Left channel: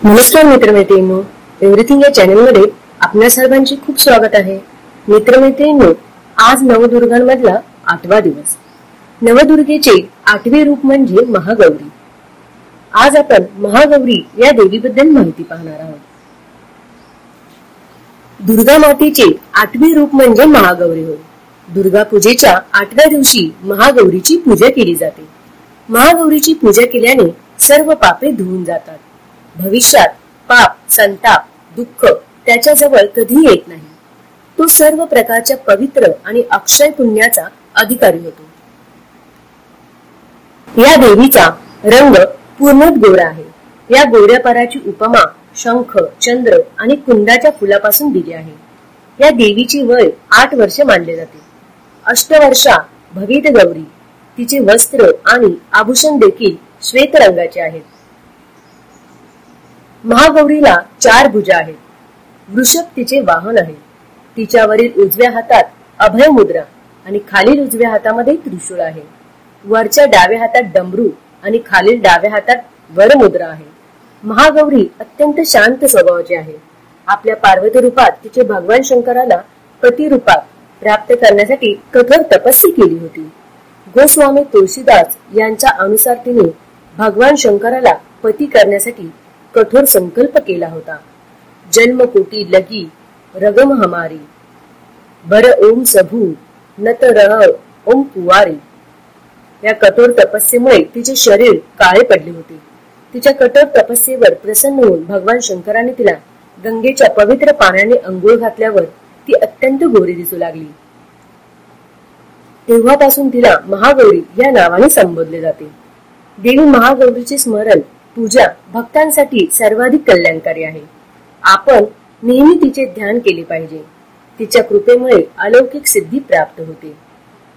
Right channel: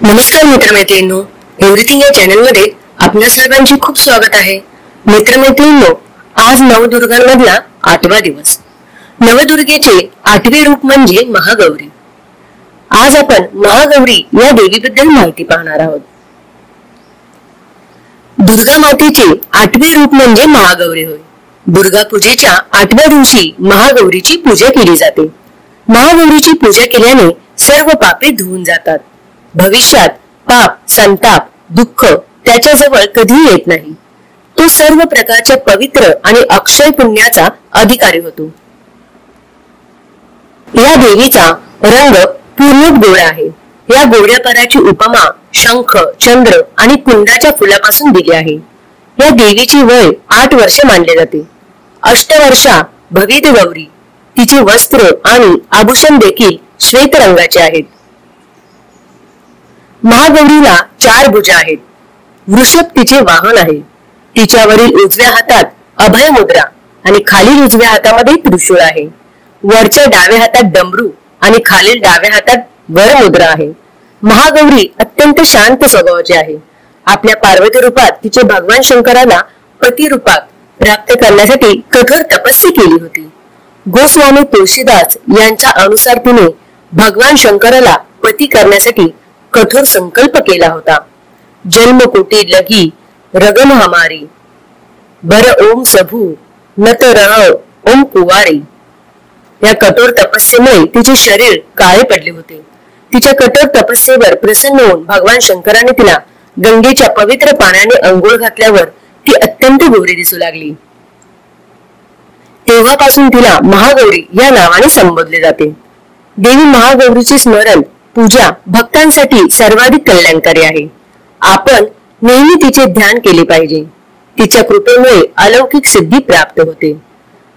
नमस्कार मित्रमैत्रिणींनो, एव्हरीथिंग या चॅनल मध्ये आपल्या सर्वांचे खूप स्वागत आहे। मित्रमैत्रिणींनो, आज नवदुर्गांमधला 8वा दिवस। नवदुर्गेचे 8वे रूप म्हणजे महागौरी। आज आपण महागौरी या देवीबद्दल माहिती पाहणार आहोत। दुर्गा मातेचे 8वे रूप म्हणजे महागौरी होय। दुर्गा पूजेच्या 8व्या दिवशी महागौरीची पूजा केली जाते। महागौरीची पूजा केल्याने सर्व पापे धुवून जातात। भविष्यात पाप, संताप, दुःख त्याच्याजवळ कधीही येत नाही। तो सर्व प्रकारच्या पवित्र आणि अक्षय पुण्याचा अधिकारी होतो। या देवीचा रंग पूर्ण गोरा आहे। या गोऱ्या पाराची उपमा शंख, चंद्र आणि कुंदाच्या फुलापासून दिली आहे। या देवीची वय 8 वर्ष मानले जाते। अष्टवर्षा भवित गौरी। तिचे वस्त्र आणि आभूषण देखील श्वेत रंगाचे आहेत। महागौरीला 4 भुजा आहेत। वृषभ तिचे वाहन आहे। तिच्यावरील उजव्या हातात अभय मुद्रा आणि खालील उजव्या हातामध्ये त्रिशूळ आहे। वरच्या डाव्या हातात डमरू आणि खालील डाव्या हातात वर मुद्रा आहे। महागौरी अत्यंत शांत स्वभावाची आहे। आपल्या पार्वती रूपात तिचे भगवान शंकराला पती रूपात प्राप्त करण्यासाठी कठोर तपस्या केली होती। गोस्वामी तुळशीदास यांच्या अनुसार तिने भगवान शंकराला पती करण्यासाठी कठोर संकल्प केला होता। जन्मकोटी लगी रगन हमारी बर ओम सभू नत रह ओम कुवारी। या कठोर तपस्येमुळे तिचे शरीर काळे पडले होते। तिच्या कठोर तपस्येवर प्रसन्न होऊन भगवान शंकराने तिला गंगेच्या पवित्र पाण्याने अंघोळ घातल्यावर ती अत्यंत गोरी दिसू लागली। तेव्हापासून तिला महागौरी या नावाने संबोधले जाते। देवी महागौरीचे स्मरण पूजा भक्तांसाठी सर्वाधिक कल्याणकारी आहे। आपण नेहमी तिचे ध्यान केले पाहिजे। तिच्या कृपेमुळे अलौकिक सिद्धी प्राप्त होते।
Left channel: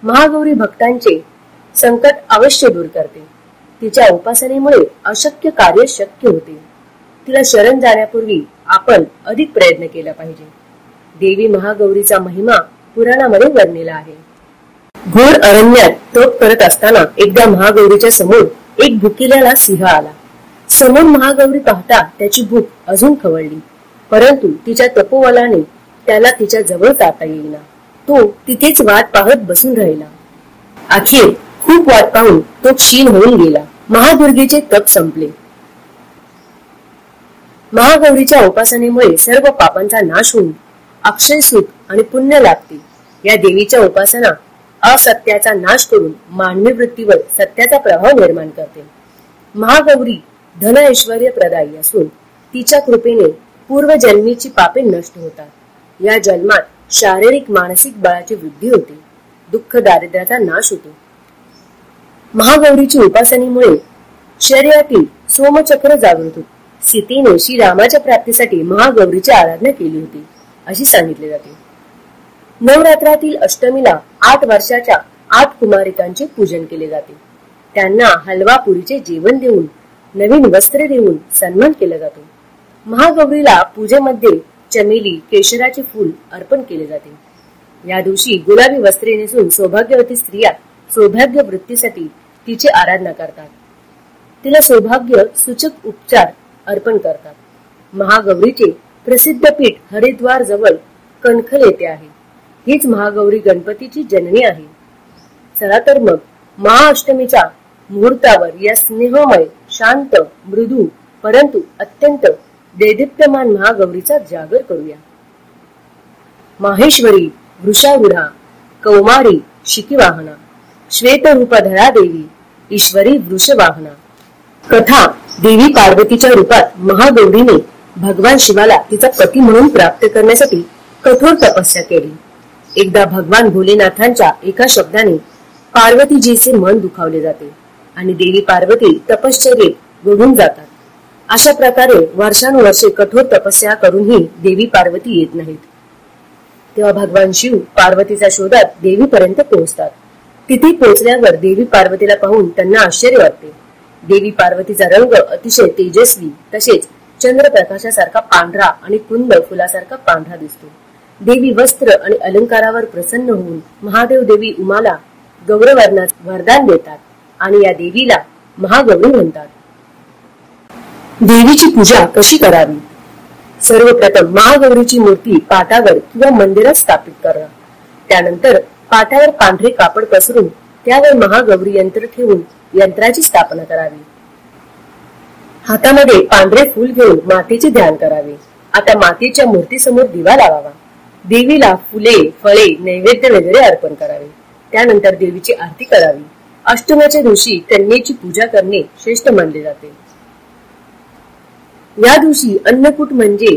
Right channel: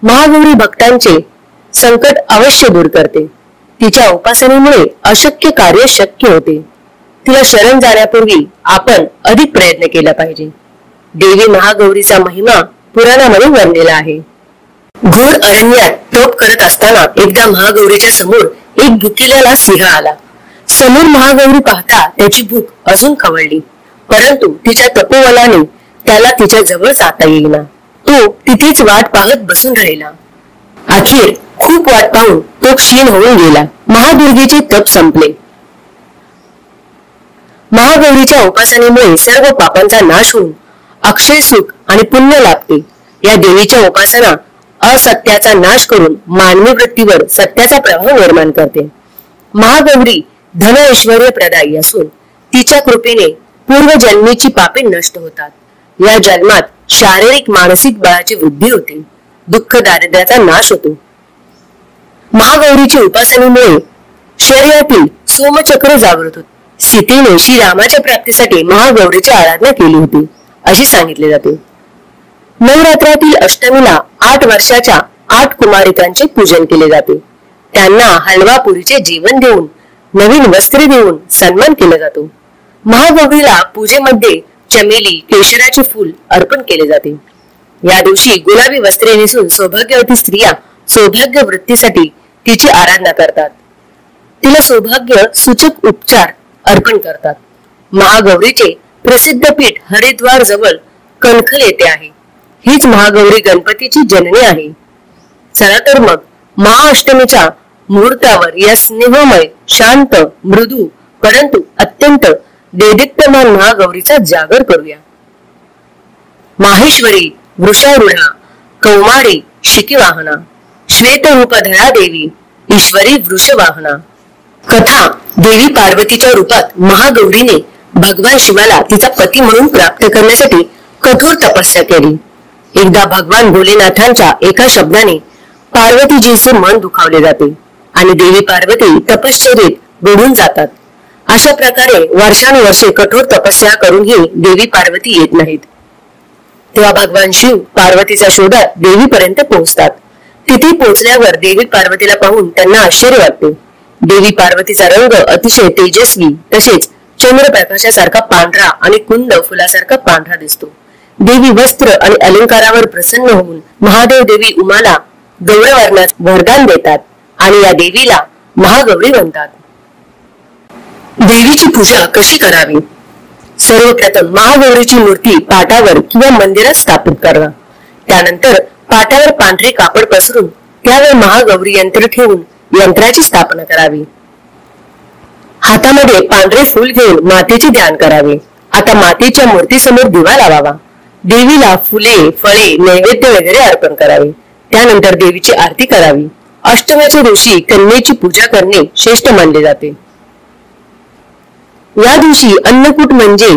महागौरी भक्तांचे संकट अवश्य दूर करते। तिच्या उपासनेमुळे अशक्य कार्य शक्य होते। तिला शरण जाण्यापूर्वी आपण अधिक प्रयत्न केला पाहिजे। देवी महागौरीचा महिमा पुराणामध्ये वर्णिला आहे। घोर अरण्यात तप करत असताना एकदा महागौरीच्या समोर एक भुकेलेला सिंह आला। समोर महागौरी पाहता त्याची भूक अजून खवळली, परंतु तिच्या तपोबलाने त्याला तिच्या जवळ जाता येईना। तो तिथेच वाट पाहत बसून राहिला। अखेर खूप वाट पाहून तो क्षीण होऊन गेला। महादुर्गेचे तप संपले। महागौरीच्या उपासनेमुळे सर्व पापांचा नाश होऊन अक्षय सुख आणि पुण्य लाभते। या देवीच्या उपासना असत्याचा नाश करून मानवी वृत्तीवर सत्याचा प्रभाव निर्माण करते। महागौरी धन ऐश्वर्य प्रदायी असून तिच्या कृपेने पूर्वजन्मीची पापे नष्ट होतात। या जन्मात शारीरिक मानसिक बळाची वृद्धी होते। दुःख दारिद्र्याचा नाश होतो। महागौरीची उपासनेमुळे शरीरातील सोमचक्र जागृत होते। सीतेने श्रीरामाच्या प्राप्तीसाठी महागौरीची आराधना केली होती अशी सांगितले जाते। नवरात्रातील अष्टमीला 8 वर्षाच्या 8 कुमारिकांचे पूजन केले जाते। त्यांना हलवा पुरीचे जेवण देऊन नवीन वस्त्रे देऊन सन्मान केला जातो। महागौरीला पूजेमध्ये चमेली, केशराचे फूल अर्पण केले जाते। या दिवशी गुलाबी वस्त्रे नेसून सौभाग्यवती स्त्रिया सौभाग्य वृत्तीसाठी तिची आराधना करतात। तिला सौभाग्य सूचक उपचार अर्पण करतात। महागौरीचे प्रसिद्ध पीठ हरिद्वार जवळ कणखल येथे आहे। हीच महागौरी गणपतीची जननी आहे। चला तर मग महाअष्टमीच्या मुहूर्तावर या स्नेहमय, शांत, मृदू परंतु अत्यंत देदीप्यमान महागौरीचा जागर करूया। माहेश्वरी वृषारूढा कौमारी शिखिवाहना श्वेतरूपधरा देवी ईश्वरी वृषवाहना। कथा देवी पार्वतीच्या रूपात महागौरीने भगवान शिवाला तिचा पती म्हणून प्राप्त करण्यासाठी कठोर तपस्या केली। एकदा भगवान भोलेनाथांच्या एका शब्दाने पार्वतीजीचे मन दुखावले जाते आणि देवी पार्वती तपश्चर्येत बुडून जातात। अशा प्रकारे वर्षानुवर्षे कठोर तपस्या करूनही देवी पार्वती येत नाहीत। तेव्हा भगवान शिव पार्वतीच्या शोधात देवीपर्यंत पोहोचतात। तिथे पोहोचल्यावर देवी पार्वतीला पाहून त्यांना आश्चर्य वाटते। देवी पार्वतीचा रंग अतिशय तेजस्वी तसेच चंद्रप्रकाशासारखा पांढरा आणि कुंद फुलासारखा पांढरा दिसतो। देवी वस्त्र आणि अलंकारावर प्रसन्न होऊन महादेव देवी उमाला गौरवर्णात वरदान देतात आणि या देवीला महागौरी म्हणतात। देवीची पूजा कशी करावी? सर्वप्रथम महागौरीची मूर्ती पाटावर किंवा मंदिरात स्थापित करा. त्यानंतर पाटावर पांढरे कापड पसरून त्यावर महागौरी यंत्र ठेवून यंत्राची स्थापना करावी. हातामध्ये पांढरे फूल घेऊन मातेचे ध्यान करावे. आता मातेच्या मूर्तीसमोर दिवा लावावा. देवीला फुले, फळे, नैवेद्य वगैरे अर्पण करावे. त्यानंतर देवीची आरती करावी. अष्टमीच्या दिवशी कन्येची पूजा करणे श्रेष्ठ मानले जाते. या दिवशी अन्नकूट म्हणजे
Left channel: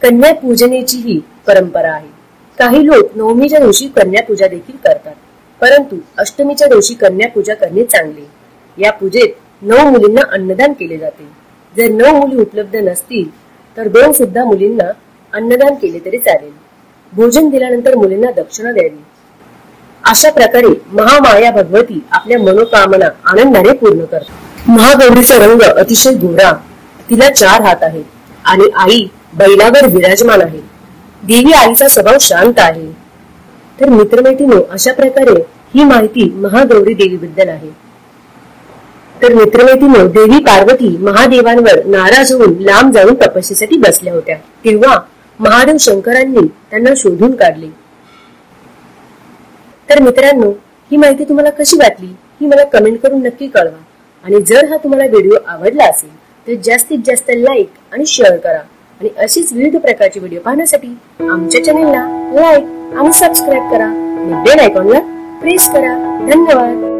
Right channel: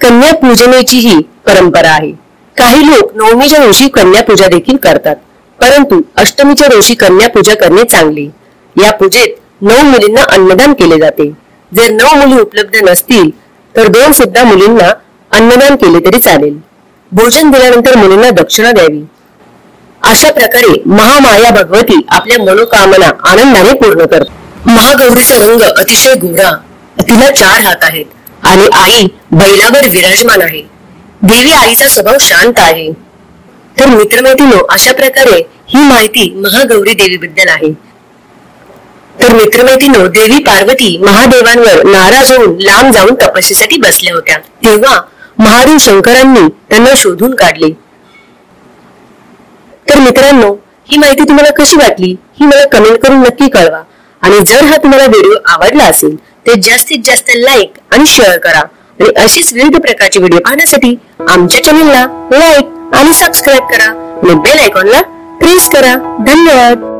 कन्या पूजनेचीही परंपरा आहे. काही लोक नवमीच्या दिवशी कन्या पूजा देखील करतात, परंतु अष्टमीच्या दिवशी कन्या पूजा करणे चांगले. या पूजेत 9 मुलींना अन्नदान केले जाते. जर 9 मुली उपलब्ध नसतील तर 2 सुद्धा मुलींना अन्नदान केले तरी चालेल. भोजन दिल्यानंतर मुलींना दक्षिणा द्यावी. अशा प्रकारे महामाया भगवती आपल्या मनोकामना आनंदाने पूर्ण करते. महागौरीचा रंग अतिशय गोरा, तिला 4 हात आहेत आणि आई बैलावर विराजमान आहे. देवी आईचा स्वभाव शांत आहे. तर मित्रमैत्रिणींनो, अशा प्रकारे ही माहिती महागौरी देवीबद्दल आहे. तर मित्रमैत्रिणींनो, देवी पार्वती महादेवांवर नाराज होऊन लांब जाऊन तपस्येसाठी बसल्या होत्या. तेव्हा महादेव शंकरांनी त्यांना शोधून काढले. तर मित्रांनो, ही माहिती तुम्हाला कशी वाटली ही मला कमेंट करून नक्की कळवा. आणि जर हा तुम्हाला व्हिडिओ आवडला असेल तर जास्तीत जास्त लाईक आणि शेअर करा. आणि अशीच विविध प्रकारचे व्हिडिओ पाहण्यासाठी आमच्या चॅनलला लाईक आणि सबस्क्राईब करा आणि बेल आयकॉनला प्रेस करा. धन्यवाद.